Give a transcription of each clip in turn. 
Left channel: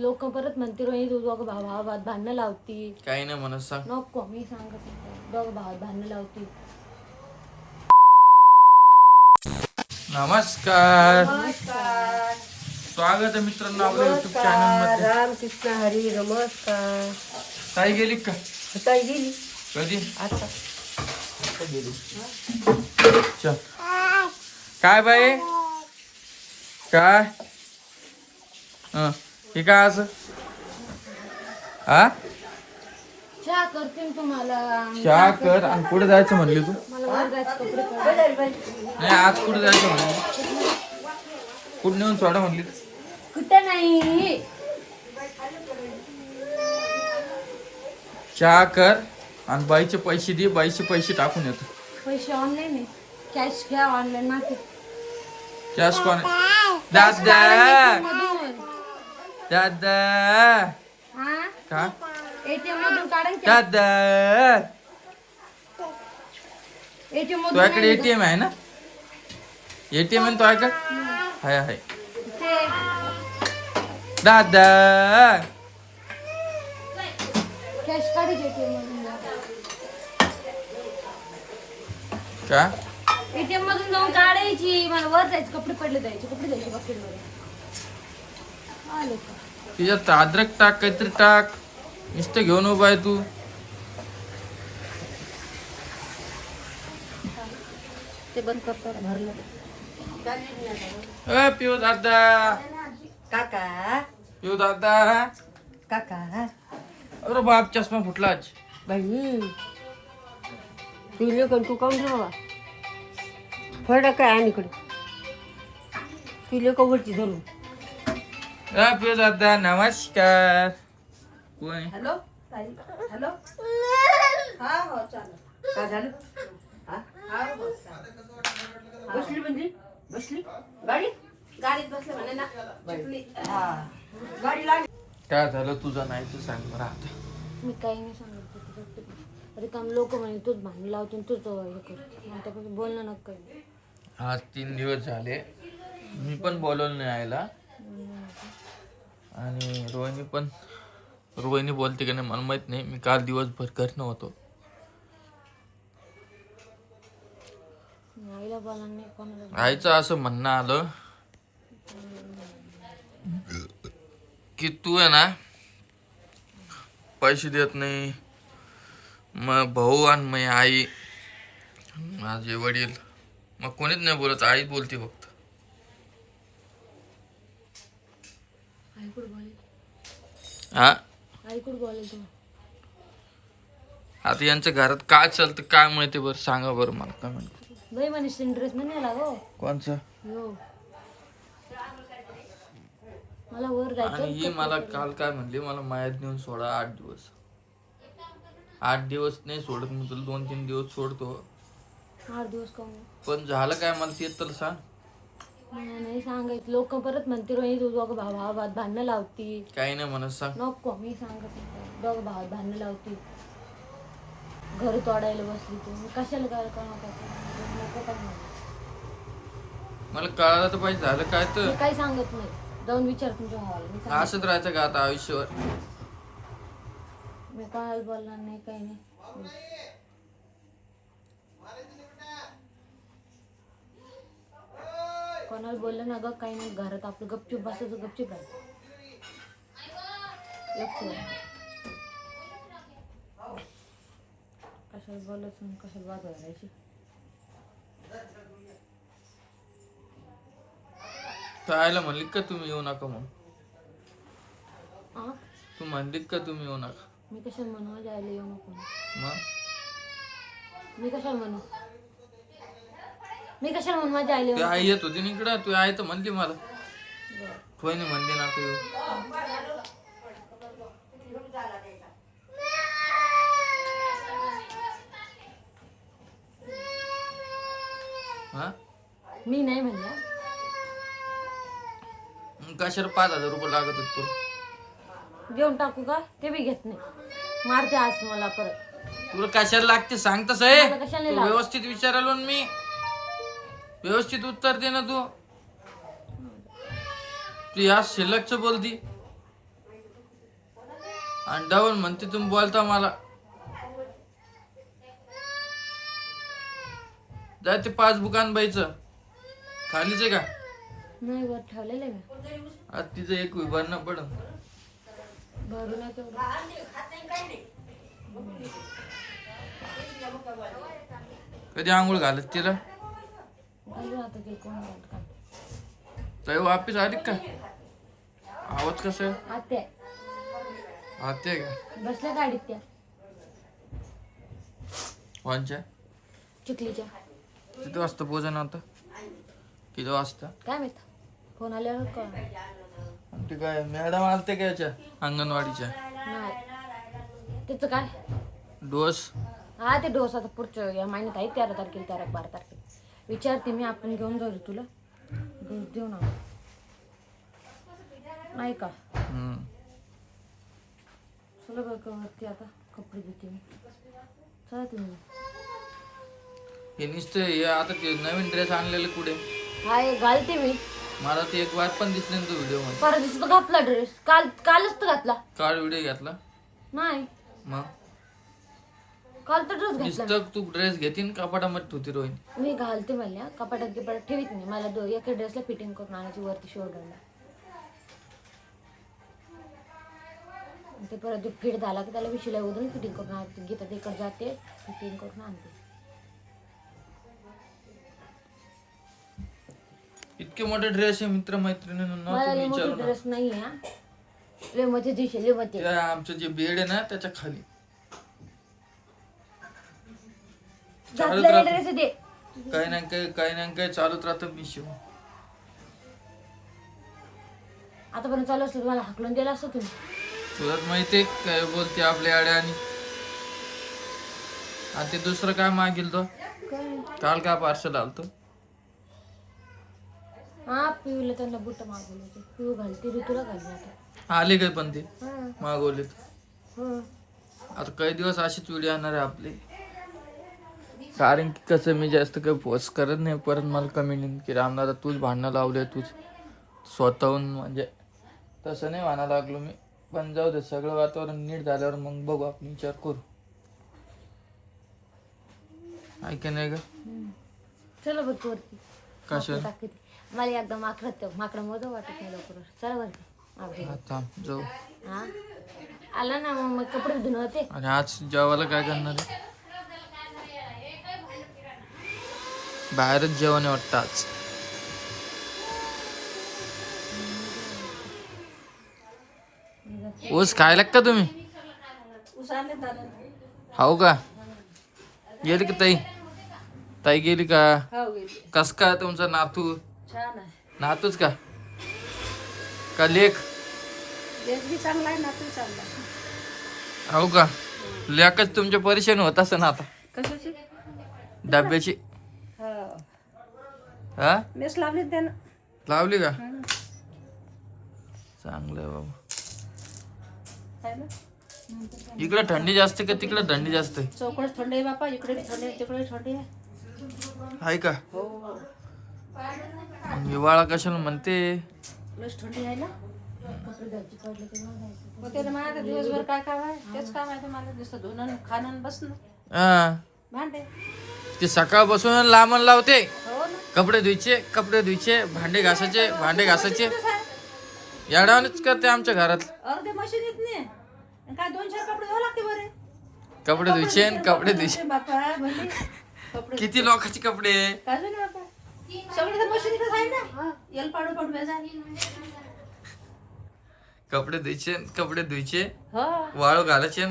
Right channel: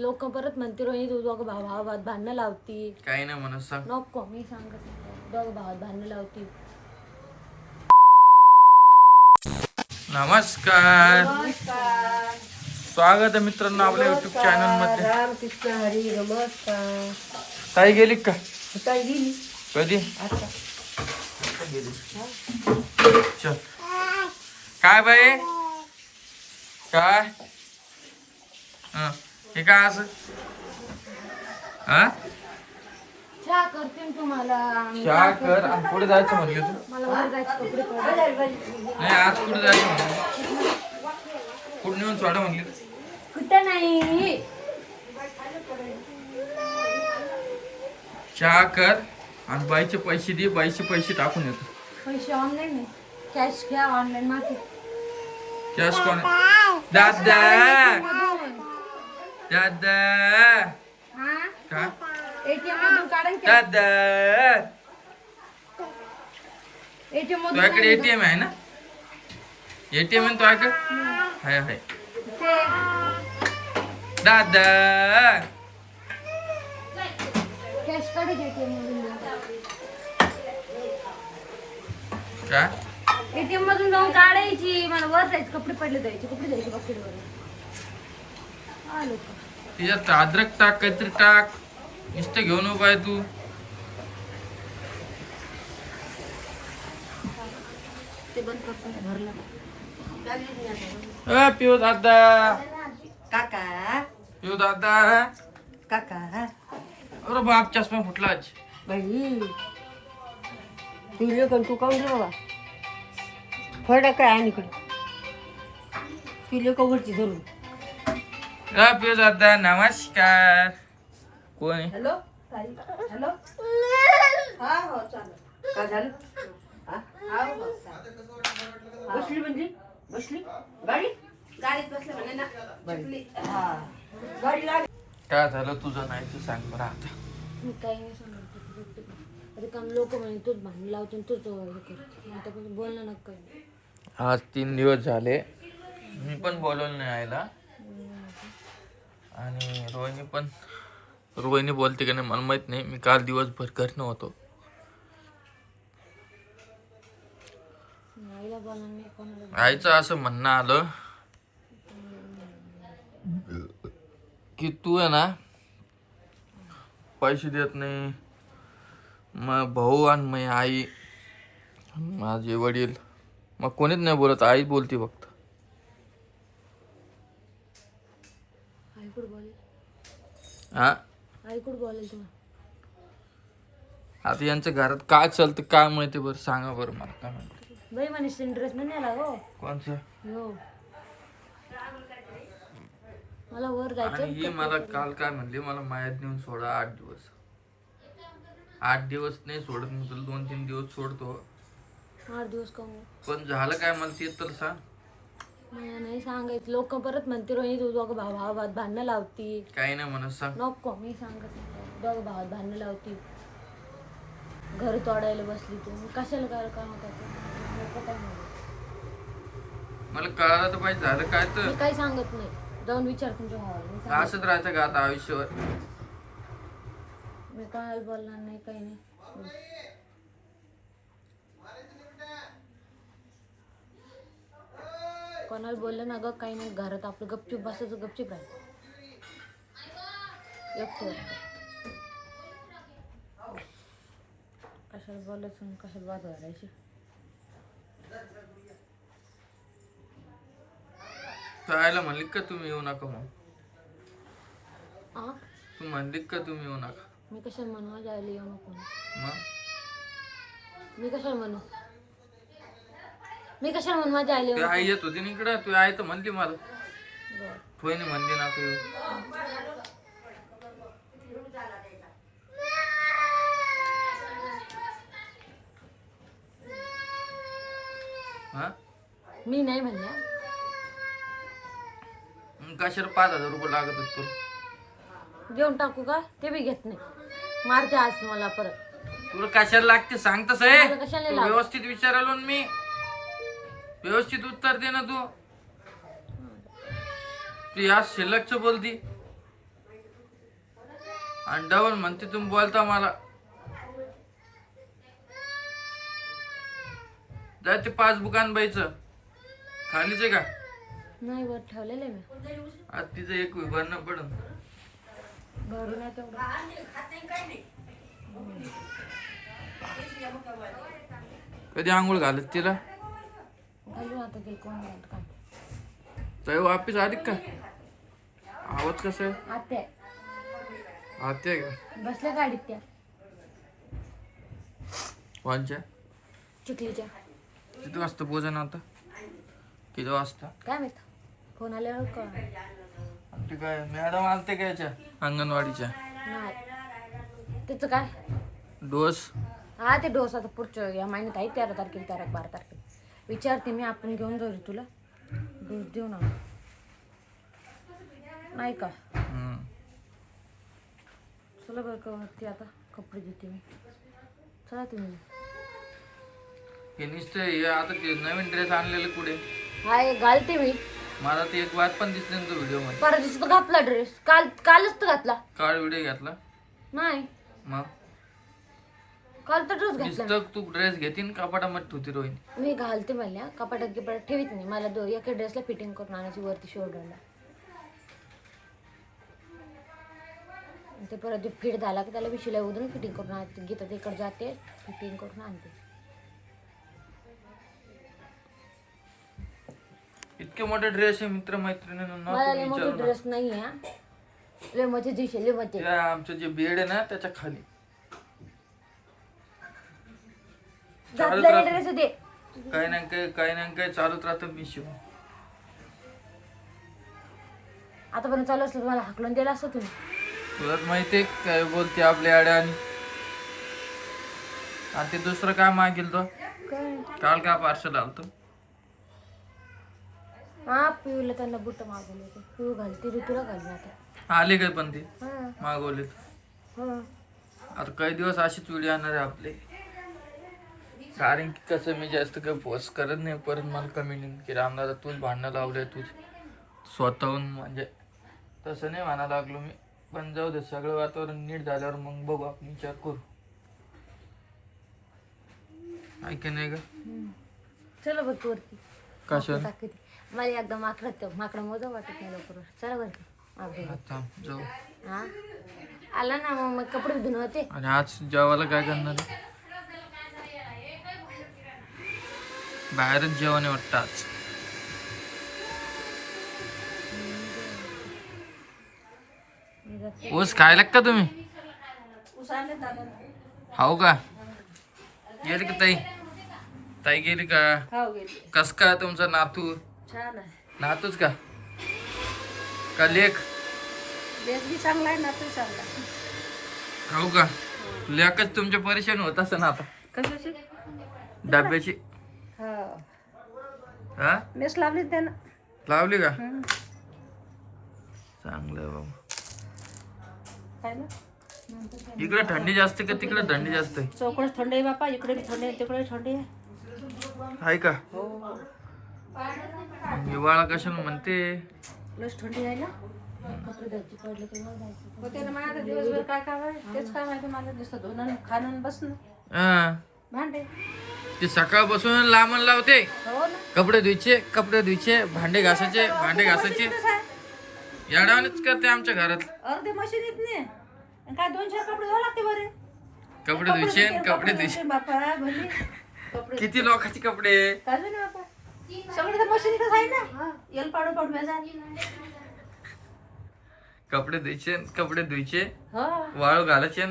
लोक परत म्हणते रोहिणी तू दोघं भावात भांडणं लावती. काही नाही म्हणत, सांग. नको, मी सांगत दोघं भावात भांडणं लावती. नमस्कार, स्वागत आहे मित्रांनो आपल्या युट्यूब चॅनल मध्ये. रामकृष्ण हरी. नमस्कार. ताई गेली का? ताई गेली कधी? आता. गेली. चल. काय बाई काय हे काय असं हा चहा करते मी तुम्हाला. चहा कर. आणि कुठे जायचं म्हणली तू? मला वर जायचं, कपडे पडले. नाही, आज कुठे जायचं म्हणली? कुठे नेऊन सोडा म्हणली? कुठे नाही. चहा कर आणि बाईचे पैसे दे. बाईचे पैसे टाकून येतो. पैसे ऑनलाईन आहे, कॅश घ्या. ऑनलाईन मागे कॅश कोण? दादा दादा का? एटीएम मधून काढून दादा एटीएम मधून तुझ्याकडे एटीएम आहे ना? एटीएम आहे तुझ्याकडे? हाय हाय. दादा कॅश काढायची एटीएम मधून. का? एटीएम मधून जाऊन काढायची. मला वर जायचं, कपडे पडले द्यायचे, कपडे द्यायचे बाकी आलो का? तिच्यात अद्रक टाक, काहीतरी टाक. नुसतं घेऊन उभा आहे तू. ते बंद करतात भरलं. पिऊ दादा, काका पिऊ दादा. काका अरे बाप, चष्मा फुटला आज. बाई तुझे पण तू काऊन रे बाबा फळ काय आणि इकडे पिले कवरची धरून. पिऊ दादा नमस्कार. कोण आहे? Hello hello. हा हो चालेल. काय झालं? हा हो बसली म्हणजे बसली गाडीत बसले म्हणे ना. हा गाडी लागली. काय झालं तुझं? नाही ते सांग बरं आता. मी काही नाही सांगत. अरे काम लोक म्हणे तूच भांडण लावतो, तूच हे करतो. त्यापासून बोलणं नका. आज 3 दिवस झाले मी पण बोलवलं नाही आईला. आणि रोहिणी बोलते का नाही मला माहित नाही. मी काल दिवसभर घरी नव्हतो. आईला बोलणार नाही, कोणाला. आईचं असं म्हणणं आलं की तू आहे ना पैसे देत नाही. मग भाऊ आणि मग आई, माझे वडील, मग कोणीच नाही बोलत. आई बोलते फक्त. आई कुठं बोलेल? हा, आई कुठं बोलेल तुम्हाला? आता यांच्या घरात काय चालतं काय माहिती? बरं सांगा बरं मला, काय माहिती. बाई म्हणे इंटरेस्ट नाही नेला हो. कोणचं? हो, मला वर जायचं. आणि ही मला काल काय म्हणली, मला मायात नेऊन सोडा 8 दिवस. 8 दिवस नाही सोडत मी तुला, 2-3 दिवस सोडतो. 8 दिवस काऊन? पण झालं काय मला ते तर सांग. मला नाही सांगायचं. लोक परत म्हणते रोहिणी तू दोघं भावात भांडणं लावती. काही नाही म्हणत, सांग. नको, मी सांगत दोघं भावात भांडणं लावती. घर तोडायला बसली तू. मी कशाला काय नको काय म्हणू. मला कळालं तर पाहिजे. झालं काय तर? मी काही सांगत नाही. जाऊन विचार तुमच्या भावाला. मी सांगत असंच राहायचं का आता आयुष्यभर? मी कोणाला बोलणार नाही, काही नाही. कोणाला बोललं ना ग काही नाही. घरात आपलं गपचूप बसायचं, गपचूप राहायचं. एकटं कशाला बोलायचं, कशाला वाद घालायची. आयला म्हणली का तुम्ही येऊ नका म्हणून? आ तू म्हणली का तुम्ही येऊ नका? मी कशाला म्हणू? माझ्या आईला येऊ नको. मग मी कशाला म्हणू? मी कशाला म्हणू माझ्या आईला येऊ तू नको? आई येत होती ना इकडं. तू आई तर म्हणली मला. बरं. कोणी म्हणली ना येऊ. हा, मी नाही म्हणल्या. कशाला 5,000 रुपये लागत होते तुला? घेऊन टाकू का? ते बी घेत नाही. मारते आज मला परत. तुला कशाला लागते सांग तसं आहे. मला कशाला तू लागत? व्यवस्थित विचारालो ना मी. व्यवस्थित उत्तर दे ना तू. तू या शिल्लकच बोलती. आणि डबल म्हणते तुम्ही बोलता मला. जाय ते पासबुक आण बाईचं. खालीच आहे का? नाही वर ठेवलेलं आहे मी. आज तिचं एक भरणं पडन. भरून आहे तेवढं. कधी आंघोळ घालत तिला? घालू आता ते कोण घालत काय. ताई वापिस आली का? आवाज कसा आहे? आत्या आते का? बसल्या गाडीत त्या कोणच्या? चिखलीच्या. किती वाजता पोहोचणं होतं? किती वाजता? काय माहित फोन आल्यावर का आमची काय मॅडम आलते का याच्या अंगणवाडीच्या? नाही. त्याचं काय? डोस. हा ते डोस आता पुढच्या या महिन्यात आहे 13 तारखेला 12 तारखेला. विचारते मी आपण घेऊन जाऊ तुला डोस देऊ ना. नाही का? चला बरं का वरती आता कपडे देते मी. चला तुम्ही. हे नुसतं हे आता ते नवीन ड्रेस आणलेले कुठे? हाय घालते मी. मला ते एक वाद पण दिसले ना तो व्हिडिओ मध्ये. परत दिवशी घातला ड्रेस. कालच तर घातला. काल व्हिडिओ घेतला? नाही मग काल तर ड्रेस घातला. नुसतं तू ड्रेस घेतीन कपाटामध्ये ठेवती रोहिणी. मी घालते म्हणल्या कपाटात गिपाटात ठेवीत नाही. मला एका ड्रेसला फिटिंग करून आणायची वरती शोल्डरला. ते परत फिट झाला की त्याला विशिला उधरून फिटिंग करून आणते. गीता तिकडे जाते फिटिंग करून आणते. इतके मोठे ड्रेस आहे मित्र मैत्रिणींना मला लय तुम्ही मोठे विचारू ना. ड्रेस नाही हा. लय मोठे दिसे लय मोठे. त्या आमचं जे बेड आहे ना त्याच्या खाली चालूच घातलेले राहतं. ड्रेस दे. काही ना काही चालूच राहतं मी शिव. आतापर्यंत चालू असलं तुम्हाला हाकलून दिला असतं तुम्ही. तुला माहितीये काय बोलते आपल्या आड्या आणि ते दुसरं काय मागेल तो? काय काल काय पार्सल आलतो? हा पिऊला त्यांना बुट मागवले होते. पिऊ घालते ऋतूला घालून आता. आले काय पण ते हा मागवले. हो. आता काही दिवस अशीच व्हिडिओ येणार आहे आपले. कारण की कसं मी जास्त काही पोस्ट करत नाही. परत मला कमेंट की रामदादा तूच भांडणं लावले तूच स्वतःहून. म्हणजे तसं नाही म्हणायला लागलो मी. पण जाऊ दे सगळं वातावरण नीट झाल्यावर मग बघू आपण विचार करू. ऐक नाही का? चला बघ वरती. कशा? टाकते मला एकदा माकडं मोजा वाटत नाही लवकर. चला वरती आपल्या. आता जाऊ. हा आला ना मग कपडे धुणं होते. आणि आज जेवायला काय करणार आहे? बाहेरच जेवण आहे वाटतं आज. ऊस खायला का तुम्ही? हो का? गेली का ताई? ताई गेली का? कस काय तुमचा नातू? छान आहे. नातूच का? का लेख? देश बी चांगला आहे ना तू चांगला आहे. हो का? लेखच तुमच्या परेशान होत असं ना आता कशाची? डब्याची. हा हा मेस लावली त्यानं. लावली का? चांगलं आहे बाबा. आहे ना इकडे थंडी जास्त का तिकडे थंडी जास्त आहे? चौकड थंडी आहे बापा. इकडे बी थंडी आहे तिकडे थंडी आहे. आहे का? हो मग हिवाळा कशाला म्हणते? लस थंडी आहे ना. होते ना माझ्या दिवसभर काय काय आहे तेच काय माहिती मला. नुसतं धुणं खाणं बसणं हा. भांडे. ते सकाळपासून लांबण लावते. हो ना. कपडे धुयचे भांडे घासायचे याडावणीच करते आमच्या घरात. अर्धे मशीन येत नाही. काय 2-4 कपडे धुवा लागते बरे. कपडे धुयचे बापा भले कपडे किती लोकांचे कपडे. काय झालं बापा. सगळे तर मशीन इथंच आहे ना. येल पाडू पाडू बेजा. कपडे धुयचे हो वाळू घालायचे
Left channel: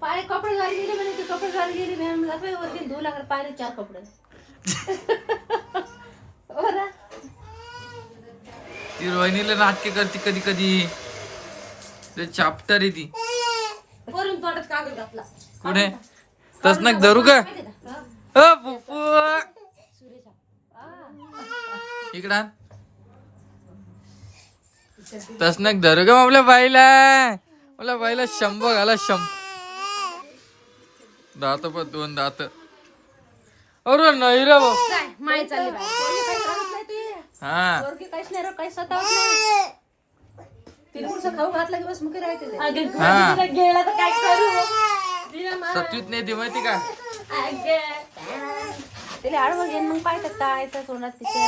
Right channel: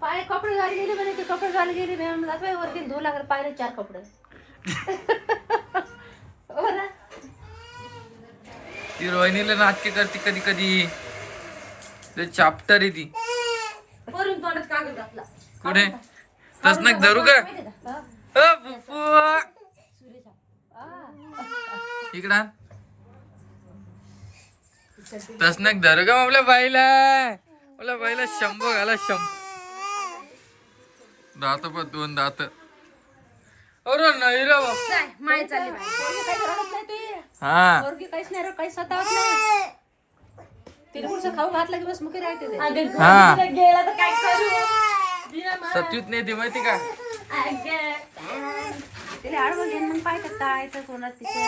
पाय कपडे घाली गेले म्हणे. ते कपडे घाली गेले मॅम जात वरती धुवू लागले पायने 4 कपडे. हो ना. ती रोहिणीला नाटके करते कधी कधी. ते चाप्टर आहे ती. वरून तोंडात कागद घातला. कुठे? तसनक धरू का? इकडं आण. तसनक धरू का आपल्या बाईला 100 घाला 100. दात पण 2 दात. अरे नाही रे भाऊ. माई चालली बाई. पोरगी काही रडत नाही ती. हा पोरगी काहीच नाही काही सतावत नाही. तिला पुढचं खाऊ घातलं की बस मग राहते ते. अगं, हा. घरी गेला तर काय करू दे मला. सत्वीत नाही ती माहिती का अगं. तिला आडवं घेऊन मग पाय काय तर तोंडात तिच्या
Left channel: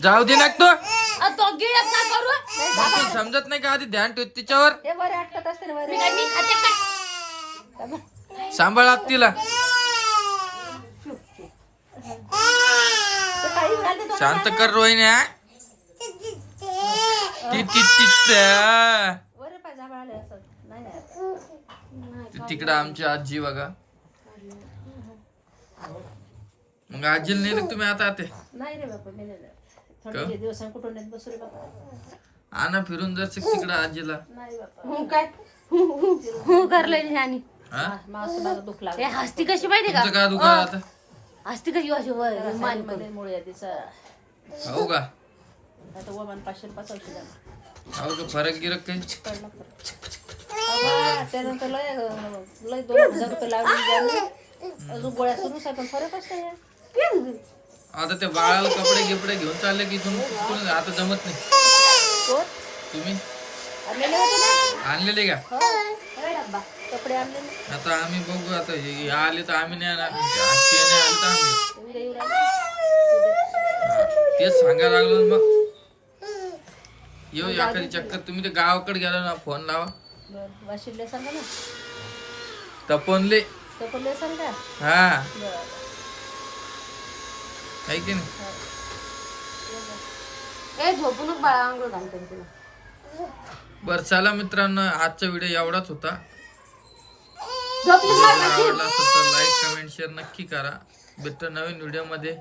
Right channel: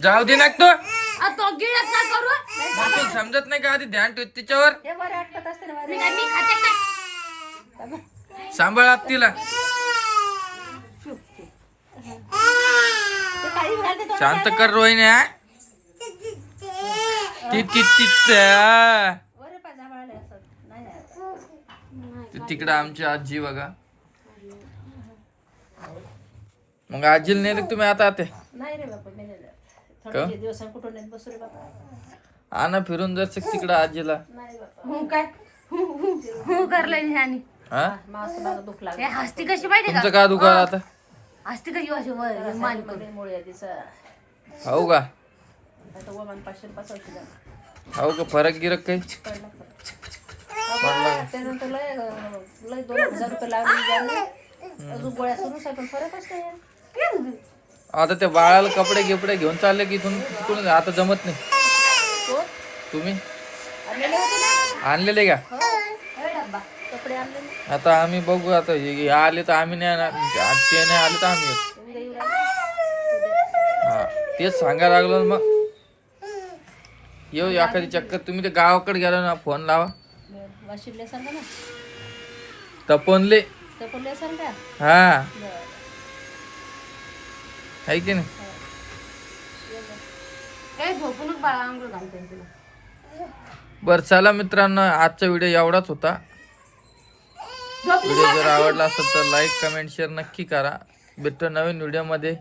जाऊ दे ना तू आ, तो गिळत ना करू तुला समजत नाही का आधी ध्यान ठेव तिच्यावर हे बरं आटकत असते ना बरं. मी काय मी खाते काय सांभाळात तिला ते काही घालते तो शांत कर रोहिणी हा? ती ती ती बरं पाय जांभळाले असं नाही नाही तिकडं आमची आजी बघा मग आजीला नेले का तुम्ही आता ते नाही रे बापा मी नाही थोडे दिवस कुठून नाही बसू रे बापा आणा फिरून जायचं तिकडं आजीला नाही बापा हू काय हू करलंय आणि हा मास मला दुख हे लागलं हसती कशी माहिती तुमचं का का दुकान आता हसती कशी अशी मान मध्ये मुळे आहे तिचं हो का आता वमान 500 रुपयाचं औषध झालं हो का फरक गिरक काही कळलं अगं त्यानंतर लय 2000 रुपये लावले ज्याने अजून गोळ्या सुरूच आहे पण फरक असतो आता त्या बाळाला कपडे गिपडे घेऊन चालले की तुम्ही आता जमत नाही कोण तुम्ही आणलेले होते ना आणलेले का हो कपडे आणले ना आता आम्ही बघू आता हे आले तर आम्ही नाही येणार. ते नाही आले तर आम्ही येऊ. उद्या येऊ राहिले हा, तेच सांगायला लागलो ना मग येऊ एखादी चक्कर तुम्ही ते गावाकडे गेला ना फोन लावा बरं वाशिमले सांगा ना तपनले तपले सांग का हा बरं आहे की नाही ए झोपूनच बाळा अंघोळ घालते तुला बरं चला मित्रांनो आजचा व्हिडिओ एवढाच होता झोपली व्हिडिओ जर आवडला असेल तर लाईक कमेंट शेअर नक्की करा भेटतो नवीन व्हिडिओ मध्ये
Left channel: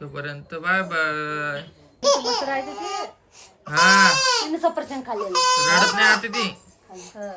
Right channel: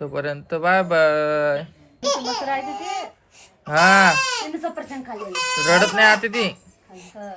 तोपर्यंत बाय बाय बस राहते ते हा तिने सफरचंद खाल्लेलं रडत नाही आता ती हा